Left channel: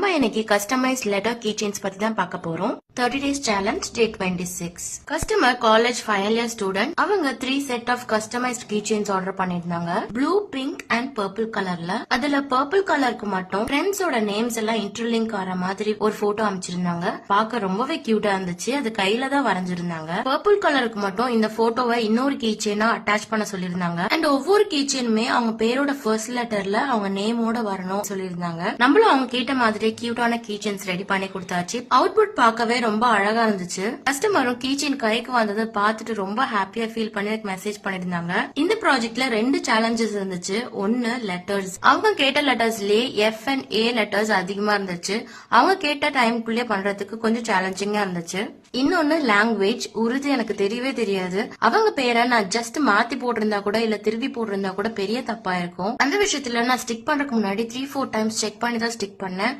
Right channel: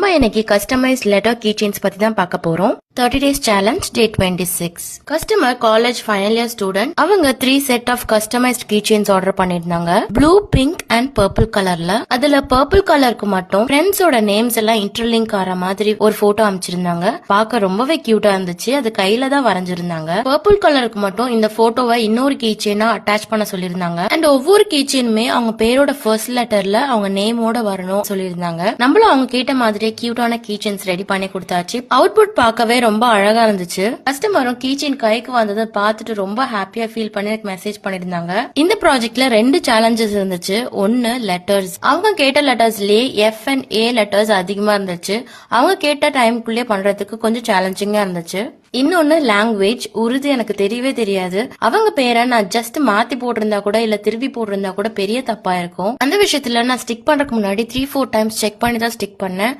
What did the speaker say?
நம்ம இன்னைக்கு customise letter key chains பத்தி தான் பார்க்க போறோம். 30 days challenge day 26. Customer college final year student. அவங்க 3 set of customised key chains order பண்ணிருந்தாங்க. ப்ளூ, பிங்க் அண்ட் பர்பிள் கலர்ல. அதுல பர்பிள் கலருக்கு மட்டும் ஃப்ரெண்ட்ஸோட நேம்ஸ் எல்லாம் இன்டர்லிங்க் ஆற மாதிரி ஒரு போட்டோ அமைச்சிருந்தாங்க. பார்க்க ரொம்பவே கியூட்டா இருந்துச்சு. அது கையில தான் வரைஞ்சிருந்தாங்க. பர்பிள் கலருக்கு மட்டும் இந்த போட்டோவை இன்னொரு கீ செயினா அட்டாச் பண்ண சொல்லிருந்தாங்க. அண்ட் ஒவ்வொரு கீ செயினுமே அவங்க பேரோட ஃபர்ஸ்ட் லெட்டர்ல அவங்க நேமோட வரணும் சொல்லிருந்தாங்க. நம்மளும் அவங்க கேட்ட மாதிரி கியூட்டான கீ செயின்ஸ் ரெடி பண்ணி கொடுத்தாச்சு. அவுட்புட் பார்க்கவே ரொம்ப அழகா இருந்துச்சு. கஸ்டமரும் கீ செயின் கைக்கு வந்ததை பார்த்துட்டு ரொம்ப ஹாப்பியா ஃபீல் பண்ணி மெசேஜ் பண்ணிருந்தாங்க. இந்த ப்ராஜெக்ட்ல 2 சேலஞ்சஸ் இருந்துச்சு. ஒன்னு லெட்டர்ஸ். அவங்க கேட்ட லெட்டர்ஸ்லயே எஃப் அண்ட் ஏ லெட்டர்ஸ் அதிகமா இருந்துச்சு. அவங்க கேட்ட டைமுக்குள்ளே பண்றதுக்கு கொஞ்சம் சேலஞ்சிங்கா இருந்துச்சு. இன்னொன்னு லாங்குவேஜ். உருது எனக்கு தெரியவே தெரியாது. அவங்க பேரை நான் ஜஸ்ட் மாத்தி போட்டிருந்தா கூட இல்ல திருப்பி போட்டிருந்தா கூட பெரிய தப்பா இருக்கும். அந்த விஷயத்துல நான் ஸ்டிக் பண்றதுக்கு முன்னாடி 3-4 டைம்ஸ் செக் பண்ணி தான் ஸ்டிக் பண்ணேன்.